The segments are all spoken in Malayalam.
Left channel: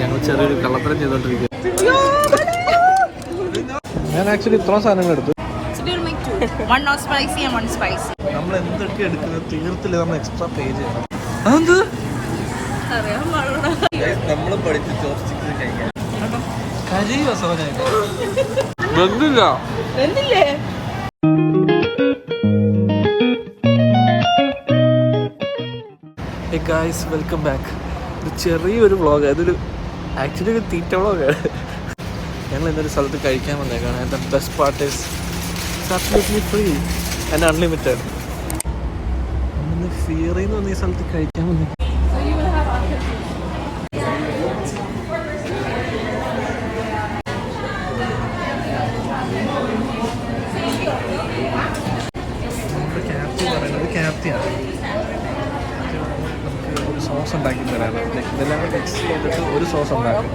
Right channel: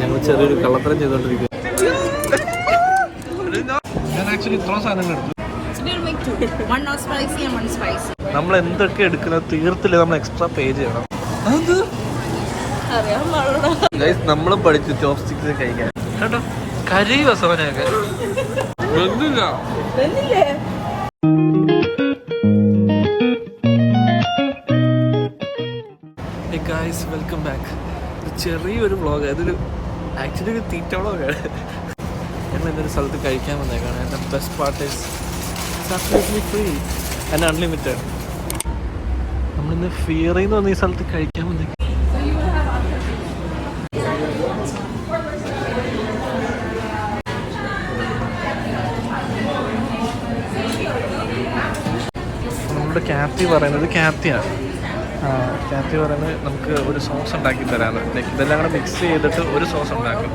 ഞങ്ങൾ ചെറിയൊരു കള്ളത്തരം ചെയ്തോണ്ടിരിക്കുക. ഞാൻ ആക്ച്വലി ഇത്ര സാധനങ്ങൾ എടുത്തു. നമ്മൾ എന്തൊക്കെ എടുക്കുന്നത് തീർത്തില്ല, നമ്മൾ എക്സ്ട്രാ പേ ചെയ്യണം. അതെന്ത് നമ്മളും പഠിച്ചു ചോപ്സ്റ്റിക്സ് കഴിക്കാൻ കേട്ടോ. കരയുക സോനയൊക്കെ വെന്തില്ല. Hey guys, welcome back. ഇത് ചെറിയൊരു വ്ളോഗ്, അതൊരു ആക്ച്വലി ഒരു തീറ്റ വ്ളോഗാണ്. ഞങ്ങൾ എന്നൊരു സ്ഥലത്ത് കഴിക്കാൻ വന്നേക്കാണ്. എൻ്റെ best part is absolutely free and unlimited. നമ്മളിന്ന് ഫിയറിൽ നിന്ന് വന്ന ഈ സ്ഥലത്ത് കഴിക്കാൻ വന്നേക്കാം. നമ്മുടെ ക്യാപ്റ്റി പറയുന്നത് ക്യാപ്റ്റിയാണ്. ക്യാപ്റ്റി പറയുന്നത് നമുക്ക് ഒരു സോസ് ഉണ്ടാക്കി തരാണ്. ലൈക്ക് ഇതെല്ലാം കൂടെ മിക്സ് ചെയ്തിട്ട് ഒരു സോസ് ഉണ്ടാക്കും.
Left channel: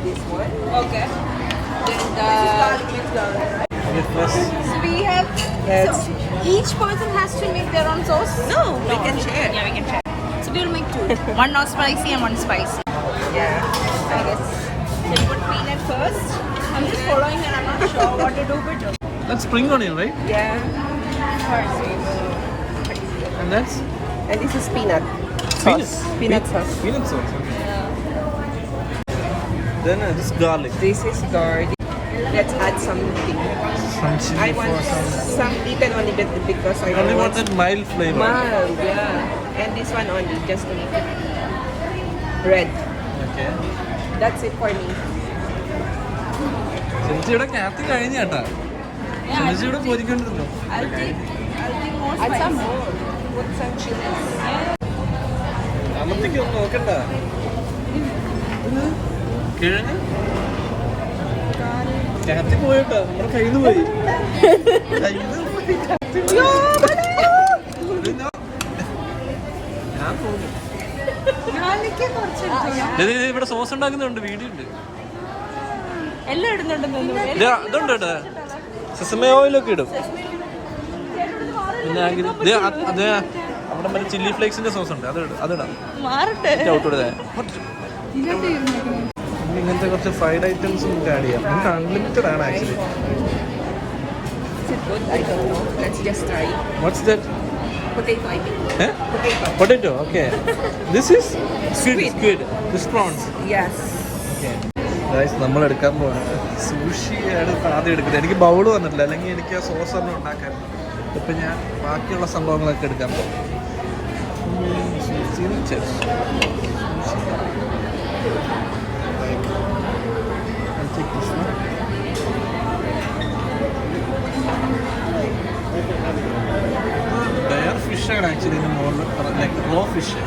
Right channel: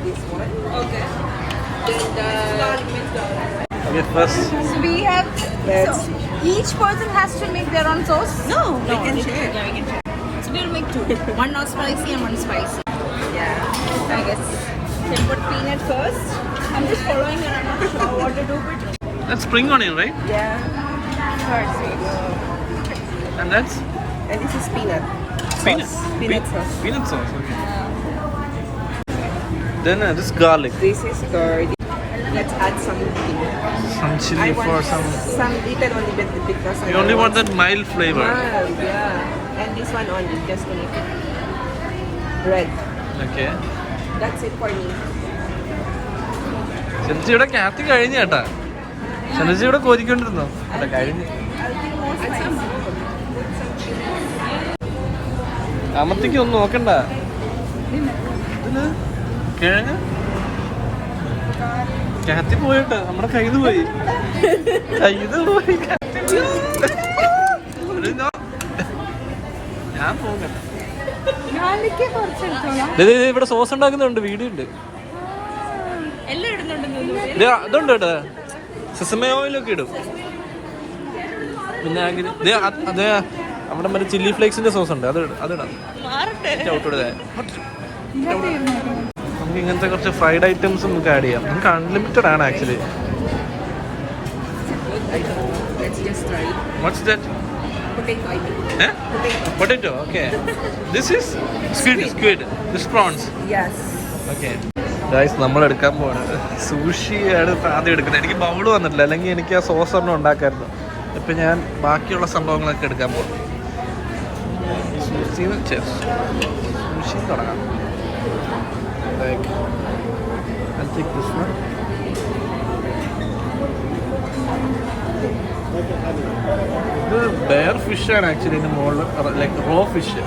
Each person has to make their own sauce. No, we can share. Yeah, we can share. So we'll make two. One not spicy and one spicy. Yeah, I guess. You put peanut first. I'm just following and I'm not sure what to do, but That's spring onion, right? Yeah. And that's And this is peanut sauce. Peanut sauce. Peanut sauce. Okay. Then this garlic. This is garlic. Let's add something. Some chili I want for some. little only bit because I You only want that mild flavor. mild, yeah. And this one only, just only red. Okay. That's it for me. സെൻസിയുടെ ക്യാപ്റ്റി കഴിഞ്ഞ കേട്ടാ. സെൻസിയുടെ കോരിക്കൊണ്ടിരുന്നോ? I'll think more Add some spicy. more. Some chili. അമ്മത്തേക്ക് ഒന്നും നോക്കണ്ട. കിഴങ്ങ് ക്യാപ്റ്റി പോയിട്ടാ, നമ്മുടെ കയ്യിൽ നിന്ന് പോയി. പോയി ഞാൻ പോകുന്നില്ല. ഇവിടെ സോസ് ഉണ്ടാക്കുന്നുണ്ട്, വീഡിയോ ഉണ്ട്. എല്ലാം ഇടുന്നുണ്ടെന്ന് ഇതുണ്ട് കേട്ടോ, സിസമേ ഓയിലൊക്കെ ഇടും. പിന്നെ അതെ അവിടെ മറ്റേ ചില്ലി ഫ്ലേക്സിന്റെ സോസ് ഉണ്ട്, അതിടാം. നമുക്ക് ഇങ്ങനത്തെ കുറച്ച് ഫ്രൈഡ് ഐറ്റംസ് നമുക്ക് ആഡ് ചെയ്യാം. നമുക്ക് അൺലിമിറ്റഡ് ആണ് actually. Let's just try it. What's that? Potato, I think. Potato. Okay, this is squid. This prawns. Yes. Okay guys, നമ്മൾ എടുക്കാൻ പോവാണ്. സൂഷിയാണ് ആദ്യം എടുക്കുന്നത്. എനിക്ക് ബൗള് വന്നിട്ടില്ല, അല്ലെങ്കിൽ എനിക്ക് ആ സോസ് ഒന്നും ഉണ്ടാക്കായിരുന്നു. ഇപ്പം ഞാൻ ബാക്കിയുള്ള സംഭവങ്ങളൊക്കെ എടുക്കാൻ പോകും. സൂഷി തുടങ്ങാം. ഇത് ബെയർ ഫിഷാണ് ആക്ച്വലി. ഇതിൻ്റെ മുകളിൽ ലൈക്ക് റോ ഫിഷ്.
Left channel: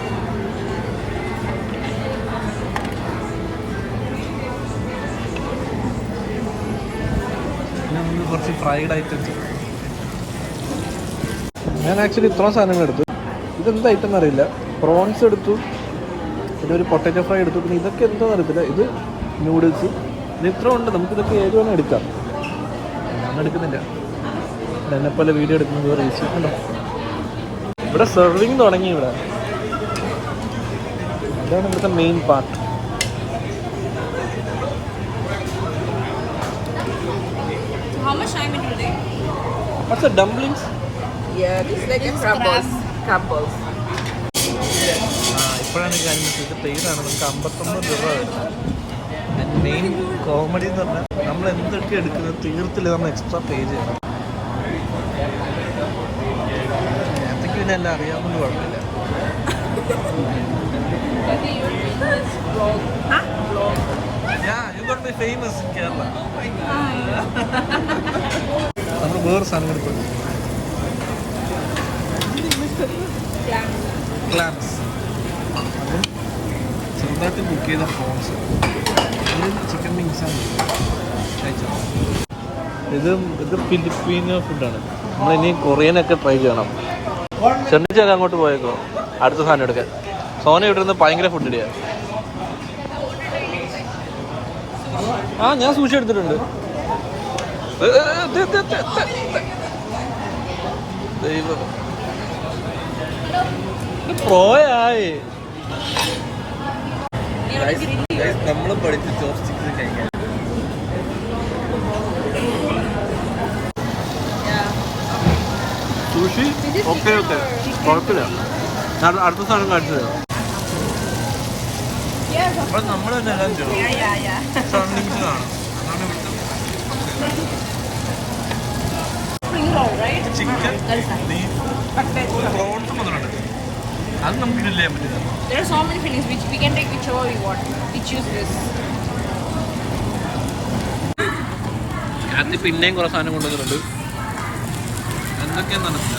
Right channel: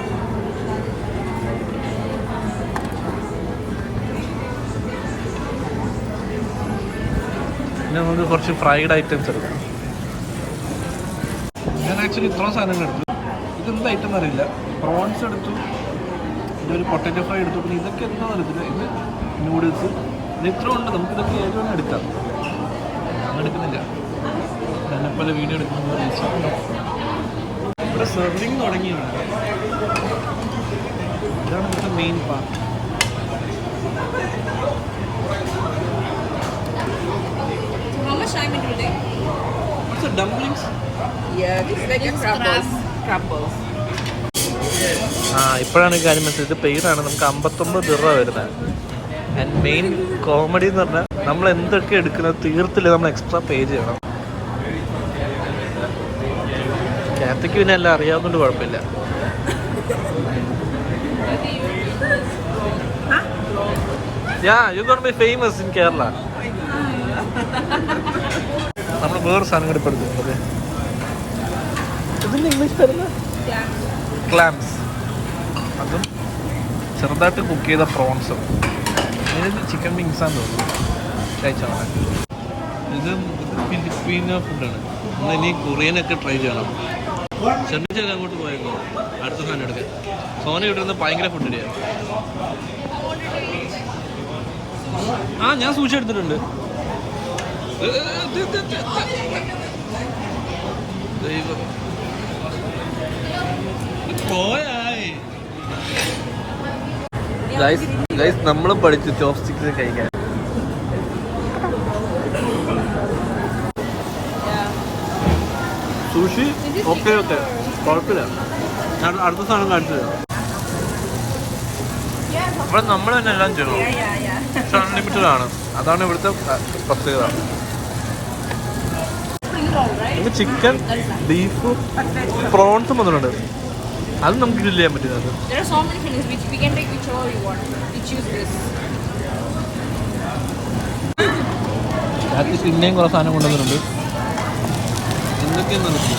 പിന്നെ നമുക്ക് കുറച്ച് ഫ്രൈഡ് ഐറ്റംസ് എടുക്കാം. ഞാൻ ആക്ച്വലി ഇത്ര സാധനങ്ങൾ എടുത്തു. ഇതെന്ത് ഐറ്റം എന്നറിയില്ല. പ്രോൺസ് എടുത്തു, ഇതൊരു പൊട്ടറ്റോ ഫ്രൈ എടുത്തു, പിന്നെ ഇതൊക്കെ എന്താണെന്ന് അറിയത്തില്ല. ഇത് നൂഡിൽസ്. ഇത് ഇത്ര ഉണ്ട്. നമുക്കിതൊക്കെ ഏത് വേണം എടുക്കാം. ഞാൻ എടുക്കുന്നില്ല, എന്നെപ്പോലെ വീഡിയോ എടുക്കുമ്പോൾ ഇവിടെ സെർവിങ് തുടങ്ങി. ഇവിടെ ഇതാണ് ഇവിടുത്തെ main part. How much time it will take? What's the dumplings? Yeah, this is like a crumbles. Crumbles. ഇപ്പോഴാണ് കാര്യം മനസ്സിലായത്. ഇത് പെയ്ഡാണ്. നമുക്ക് 59 രൂപ വരുന്നത്. ആൻഡ് മെയിൻ കോമഡി എന്ന് പറഞ്ഞാൽ നമ്മൾ എന്തൊക്കെ എടുക്കുന്നത് തീർത്തില്ല, നമ്മൾ എക്സ്ട്രാ പേ ചെയ്യണം. ക്യാപ്റ്റിക്ക് പിന്നെ എല്ലാം അറിയാവുന്നതുകൊണ്ട് കുഴപ്പമില്ല. Yeah, you're going to be famous in Kerala. നമ്മൾ വേറെ സാധനം കൂടി പഠിപ്പിക്കുന്നത് ക്ലാംസ്. അതും ചെറുതായിട്ട് കുക്ക് ചെയ്ത പ്രോൺസും. ചിക്കൻ വിങ്സാന്ന് തോന്നുന്നു കഴിച്ചാൽ. ഇത് ഫിലിപ്പീനോ ഫുഡാണ്. നമ്മളിനി കൊറിയനൊക്കെ ട്രൈ ചെയ്യണം. ചെന്നിച്ചൊക്കെ അങ്ങോട്ട് പോയേക്കോ അടുത്ത സാധനം എടുക്കാൻ. സോന ഇട്ടിരുന്ന് ഭയങ്കര ഫുഡ് ഇടിയാ. ഞാൻ സൂക്ഷി എടുത്തിട്ടുണ്ട്. ദൈവം പോയായി. നമ്മളും പഠിച്ചു ചോപ്സ്റ്റിക്സ് കഴിക്കാൻ. സുഷി ഓക്കെ ഓക്കെ കുഴപ്പമില്ല. ഞാൻ അടുത്ത സാധനം കാണിച്ചു തരാം. ഇവിടെ നമ്മൾ തന്നെ എല്ലാം ചെയ്യണം. അൺലിമിറ്റഡ് ആണ്, അതാണ് ഇവിടുത്തെ പ്രത്യേകത. ചിക്കൻ, ബീഫ്, പ്രോൺസും വന്നിട്ടുണ്ട്. അത് നമുക്ക് ഗ്രില്ല് ചെയ്യാൻ പറ്റുന്നത്. There are so many fillings which we can take whichever we want. We choose this. രാത്രി പിന്നെയും കുറേ സാധനം കൊണ്ടുവന്നിട്ടുണ്ട്. എന്തൊക്കെയാന്ന് അറിയില്ല.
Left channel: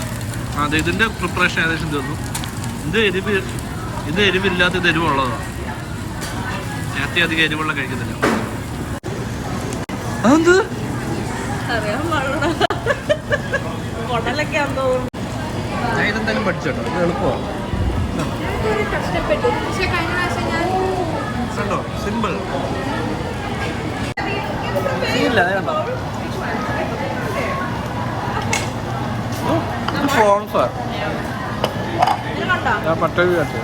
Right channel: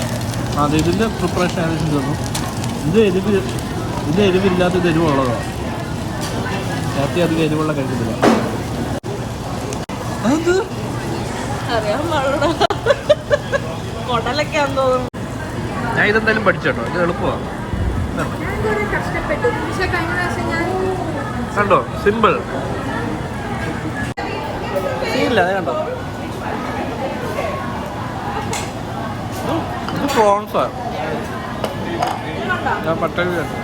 അത് ഇതിൻ്റെ പ്രിപ്പറേഷൻ ഏകദേശം തീർന്നു. ഇത് എരിവില്ലാത്ത ഇത് എരിവുള്ളതാണ്. രാത്രി അധികം എരിവുള്ള കഴിക്കുന്നില്ല. അതെന്ത് ഞാൻ ഇതെന്തായാലും പഠിച്ചോട്ടോ. ഇത് എളുപ്പമാണ്. കണ്ടോ, സിമ്പിൾ. ഇല്ല കണ്ടോ, ഇത് പ്രോൺസാ. ഞാൻ പട്ടവി കണ്ടു.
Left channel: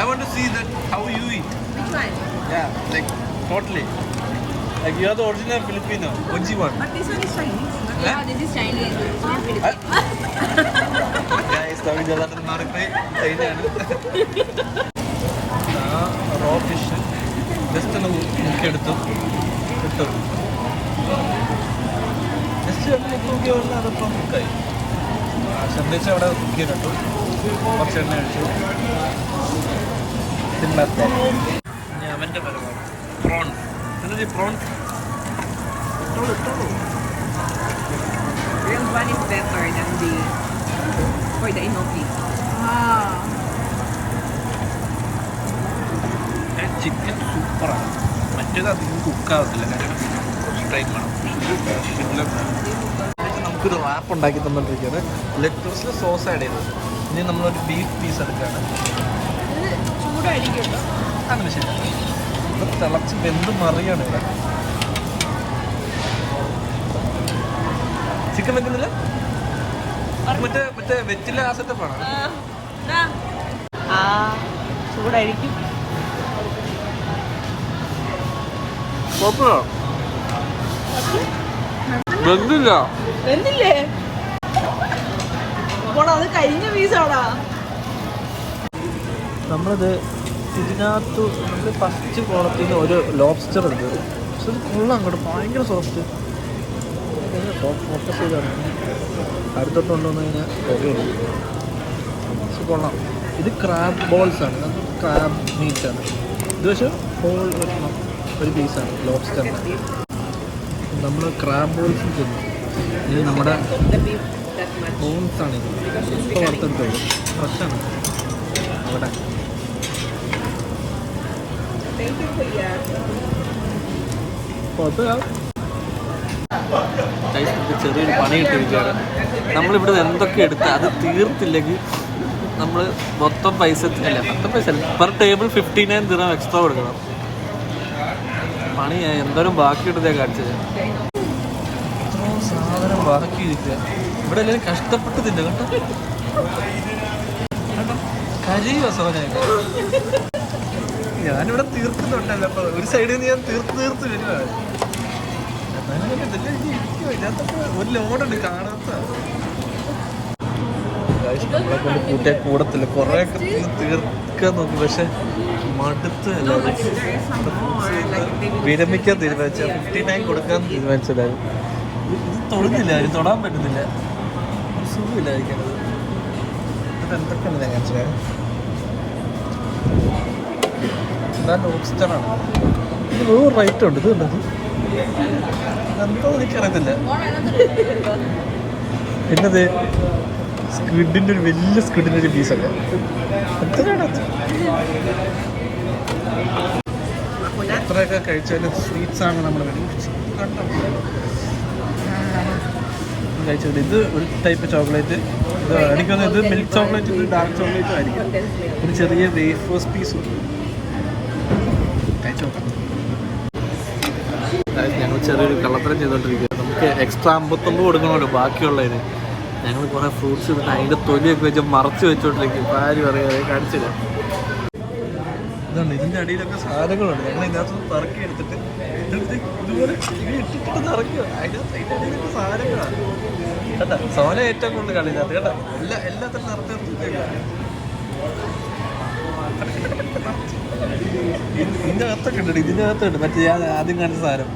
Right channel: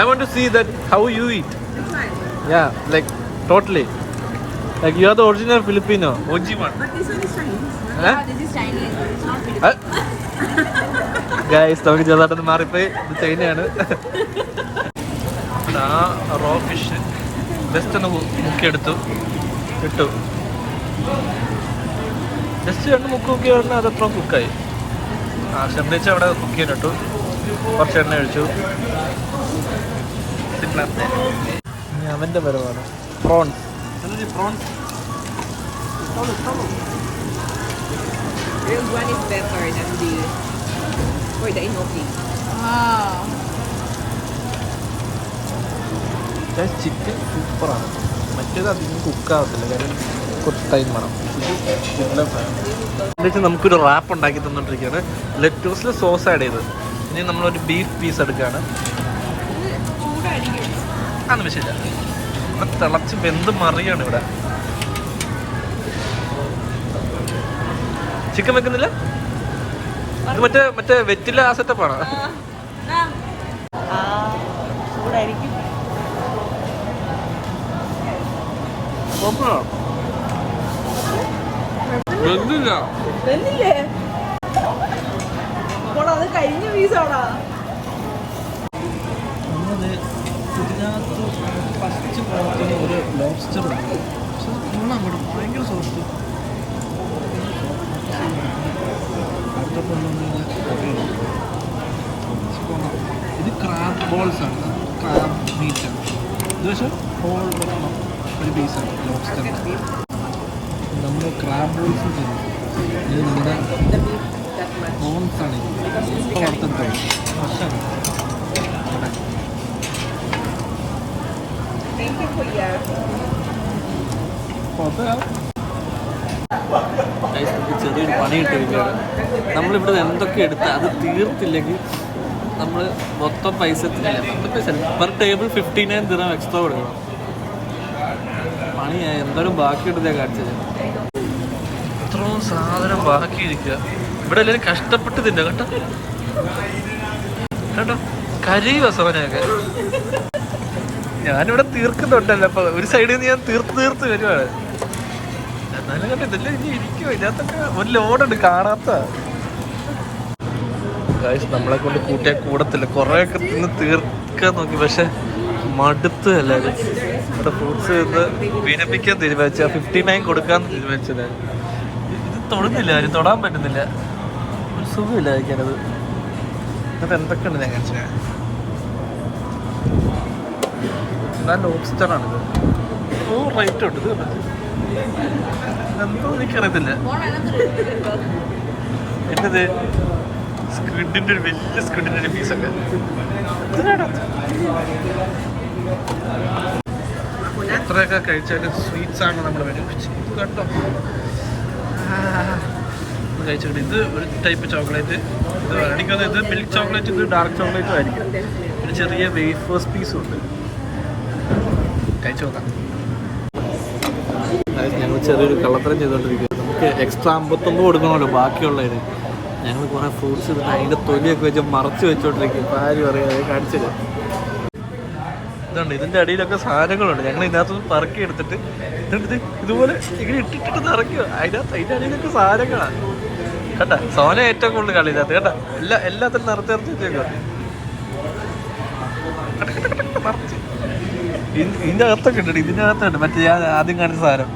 I want to see that how you eat. Yeah, like totally. Like you are the original Filipino, OG one. But this one is Chinese. Huh? This is Chinese. Guys, നമുക്ക് ചെറുതായിട്ടൊന്ന് മാറിപ്പോയി. ഇത് ചൈനയാണ്. ആ റോ ഫിഷ് ജസ്റ്റ് ഒന്ന് മുക്കിയെടുത്തു ഇട്ടു. ജസ്റ്റ് രണ്ട് മുക്ക് മുക്കി പറഞ്ഞാൽ അതപ്പം കുക്കായി. ചെമ്പേച്ച അവിടെ കുക്ക് ചെയ്തിട്ടു. കുറച്ച് എണ്ണ ഒഴിച്ചു. പിന്നത്തെ ഇനി അവൻ്റെ പരമാണ് പ്രോൺസ്. എന്താ prawns? Real one is better than the for the enoki. Chicken സൂപ്പറാണ്. മറ്റേത് അധികം കുക്കാവത്തില്ല, കാര്യം കുറച്ച് ടൈം വേണം. എന്നുവെച്ചാൽ നമുക്കൊരു റാപ്പ് ഉണ്ടാക്കി തന്നുകൊണ്ടിരിക്കുകയാണ്. ലെറ്റൂസിൽ സോസ് ആഡ് ചെയ്ത് ഇനി നമ്മളൊരു ബീഫ് പീസ് എടുക്കുകയാണ്. അതൊന്നും വിഷയമില്ല. ഇവിടെ തിളച്ച് വെന്ത് മറിയാണ്. ഇവിടെ ചിക്കൻ വെക്കുന്നില്ല. മറ്റേ വെറ്റില ആ സെറ്റപ്പാണ്. ചൂടായിരിക്കും. വെന്തില്ല. എന്നില്ലേ അപ്പോൾ അത് കഴിഞ്ഞ പീസാണോ? നമ്മളിത് ഇതിനകത്ത് ഫസ്റ്റ് കോളത്തിൽ ഒരു ലോബ്സ്റ്റർ ഉണ്ട്. പക്ഷെ ഇത് ഫുള്ള് അങ്ങോട്ട് ഭയങ്കര സോഫ്റ്റ്. ഫോക്കസ് ചെയ്താണ് അടുത്തോട്ട് കൊണ്ടുവന്നു കഴിഞ്ഞാൽ ഓക്കെയാണ്. കൊള്ളാം. ഇത് ക്രാബ് ബോൾസ് ആണ്. ക്രാബ് മീറ്റാണ് ഇത്. പക്ഷേ ഹോൾ ഒരു പീസാണ് ലോബ്സ്റ്റർ. നമ്മൾ ക്രാബ് ബോൾസും ചെന്നു. ഇത് നമ്മുടെ ബോൺസ് ആണ്. ഇപ്പോൾ വറുത്തെടുത്തത് ഫ്രഷാണ്. അവിടെ ചെറിയൊരു പണി കിട്ടിയിരിക്കുകയാണ്. നമ്മളിവിടെ എന്തൊക്കെ എടുത്ത് അത് തീർത്തില്ലെങ്കിൽ നമ്മൾ മൊത്തം പൈസ അല്ല, മൊത്തം പൈസ പെർ ടേബിൾ 59 ദിർഹം എക്സ്ട്രാ കൊടുക്കണം. പണിയായി. എന്തോരം ബാക്കിയിട്ടതേ കാണിച്ചത്. ഇത്രയും സാധനം ബാക്കിയിരിക്കുക. ഇവിടെ എല്ലാവരും കഷ്ടപ്പെട്ട് തിന്ന കേട്ടോ. കേട്ടോ കരയുക സോനയൊക്കെ. ഞാനിവിടെ തീർക്കുന്നുണ്ടല്ലോ. അപ്പൊ ഒരു സൈഡിൽ നിന്ന് ഞാൻ തീർത്ത് വരുവാണ്. എന്നാലും കണ്ടിട്ടില്ല ഇനി ഇരിക്കുമോ. ഇതിനകത്തൊക്കെ ഒരു ലോഡുണ്ട് കാണാത്ത. നമ്മളെ കൊണ്ട് കൂട്ടിയാൽ കൂടത്തില്ല. കുറേയൊക്കെ നിന്ന് തീർക്കാൻ നോക്കി, പക്ഷെ മടുത്ത് എല്ലാവരും. ഇവിടെ ഫ്രൂട്ട്സ് വിരമിക്കാൻ തീരുമാനിച്ച 59 കൊടുക്കാൻ തീരുമാനിച്ചത്. ഇത് തൊടുന്നില്ല, ഇത് തൊടാൻ പറ്റുന്നില്ല. ഒരു സുഖമില്ല കഴിക്കാനത്. ഇത് എന്തൊക്കെയാണ് ഞാൻ കാണിച്ചത്. ഇതാ ലോബ്സ്റ്ററാണ്. റേറ്റ് ഉണ്ട്. ഇത് എന്തോ എനിക്കറിയത്തില്ല. എന്നത് സ്ക്വിഡിൻ്റെ ഒരു വലിയ സ്ക്വിഡിൻ്റെ ഒരു പീസൊക്കെ. എത്രയൊക്കെ കഴിച്ചാലും സ്വീറ്റ്സ് ആണ് നമ്മൾ വരും. കണ്ടോ കഴിച്ചിട്ട് ഇത് ഒരു ടൈപ്പ് ചോക്ലേറ്റ്. ഇത് എനിക്കൊന്ന് ഇത് മിൽക്ക് ചോക്ലേറ്റ്, ഇത് ഡാർക്ക് ചോക്ലേറ്റും ആയിരിക്കും. ഒരു ചെറിയ വേഫേഴ്സ് പീസും ഉണ്ട്. കഴിച്ചു നോക്കാം. ഞങ്ങൾ ചെറിയൊരു കള്ളത്തരം ചെയ്തുകൊണ്ടിരിക്കുക. നമുക്ക് എക്സ്ട്രാ 59 കൊടുക്കണമല്ലോ ബാക്കിയുള്ളതിന്. ഞങ്ങൾ കുറെ ഫ്രൂട്ട്സ് ഇട്ടിട്ട് അതിന്റെ തൊലിയൊക്കെ വെച്ച് മറച്ചു വെച്ചോണ്ടിരിക്കും. ഇപ്പം ആരും അറിയാതെ കാണിച്ചില്ല. ഇതുണ്ട്, ഇതിന്റെ അടിയിലൊക്കെ സാധനങ്ങളുണ്ട്. ഞങ്ങൾ ഇതിനകത്ത് പറക്കി എടുത്തിട്ട് ഇതുപോലെ ഇങ്ങനെ ഇട്ടിട്ട് നിറയ്ക്കുക. അതിന്റെ അടിയിലൊക്കെ സാധനങ്ങളാണ് കേട്ടാ. സോന ഏറ്റവും കൂടുതൽ കളി ഇതിനകത്ത് കേട്ടാ. എല്ലാത്തിനും നിറച്ചേർത്തിട്ടേക്കുക. ഇതിന്റെ അകത്തൊക്കെ ഉണ്ട്, ഇതിന്റെ അകത്തുണ്ട് മറ്റേ ഞാൻ ആദ്യം കാണിച്ച സാധനം.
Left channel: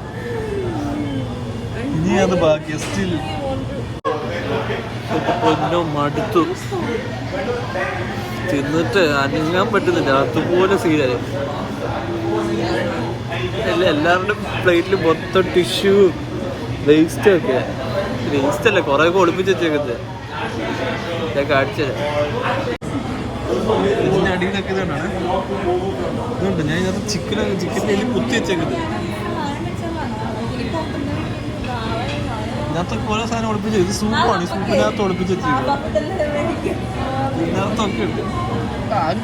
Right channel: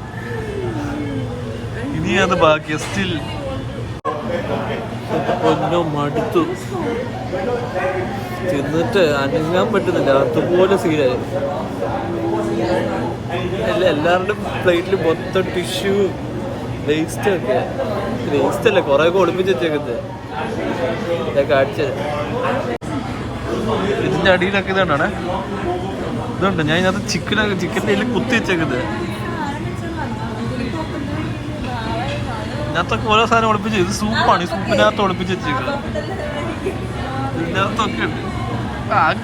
ഇനിയാണ് ബാക്കി സ്റ്റിൽ. ഒന്നോ മടുത്തു തിന്നിട്ട് അനങ്ങാൻ പറ്റുന്നില്ല. അതുപോലെ സീനായി. എല്ലാവരുടെ പ്ലേറ്റിൽ മൊത്തം ടിഷ്യൂ വേസ്റ്റ് ഒക്കെ. വേസ്റ്റ് അല്ലേ, കുറെ ഒക്കെ ഒളിപ്പിച്ച് വെച്ചേക്കുന്നത്. ഞാൻ കാണിച്ചത് ഇതിന്റെ അടിയിലൊക്കെ ഇതാണ്. ഇതുണ്ട്, ഞാൻ ഇതിനകത്ത് ചിക്കൻ്റെ ഇതിൽ കുത്തി വെച്ചേക്കുന്നത്. ഇതിനകത്തൊക്കെ ഓരോ സാധനം ഒളിപ്പിച്ച്. ഇത് സൂപ്പാണ്, ഈ സൂപ്പിനകത്ത് ഒളിപ്പിച്ച് വെച്ചേക്കുന്നത്. ഇതിനകത്തൊക്കെ ഉണ്ട്.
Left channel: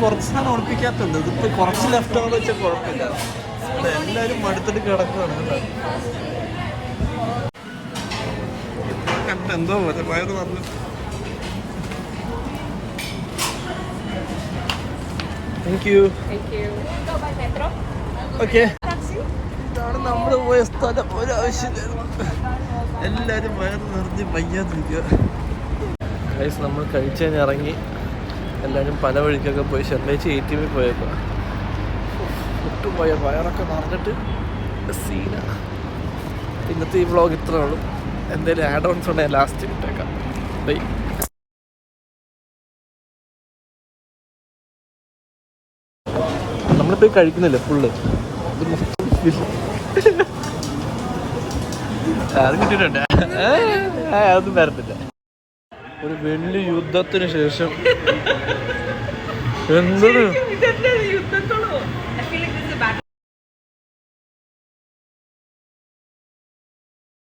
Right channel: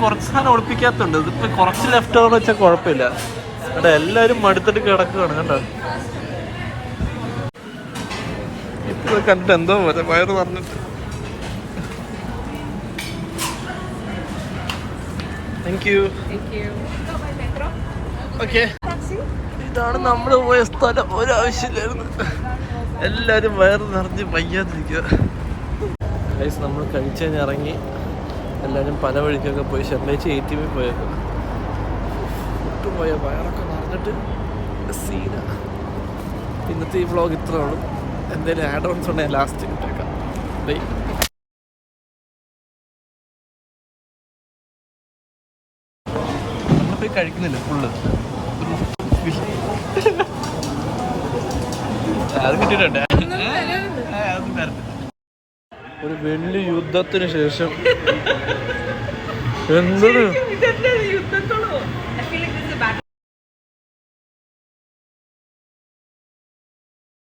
കുറച്ച് സാധനം ഒളിപ്പിക്കാത്തുണ്ട്. ഇതിപ്പോ കുറച്ച് ലെഫ്റ്റ് ഓവർ വെച്ചാൽ കുഴപ്പമില്ല. അവിടെ എല്ലാവരും മടുത്തിട്ട് കിടക്കുകയാണ് കേട്ടോ. ഇപ്പൊ കണ്ടിട്ട് എന്തോ പോലെ വയറ് പറഞ്ഞിട്ട്. Thank you. ഓക്കെ, ഇതാണ് നമ്മൾ പോയ സ്ഥലം. ഒരാവശ്യമില്ലായിരുന്നു. എല്ലാവരും വയറ് നിറഞ്ഞ് വയ്യാതിരിക്കുക. നമ്മൾ കഴിച്ചതിന് ഇറങ്ങി എല്ലാവരും പല വഴിക്കൊക്കെ പോയി. ഷെർലേച്ചി ATM പോയേക്കുക. ഒട്ടും പോയ വയറൊക്കെ നിറഞ്ഞിട്ട് സീന. ഇന്നത്തെ ഈ വ്ളോഗ് ഇത്രേ ഉള്ളൂ. എന്തെങ്കിലും ആഡ് ഓൺസ് ഉണ്ടെങ്കിൽ ലാസ്റ്റ് ഇട്ടേക്കാം. ബൈ. നമ്മളിപ്പോൾ കഴിക്കുന്നില്ല ഫുള്ള്. അത് കിട്ടിയിട്ടുണ്ട്. അതൊന്നും വരത്തില്ല. ഒരു വലിയ യുദ്ധത്തിന് ശേഷം എന്തൊരു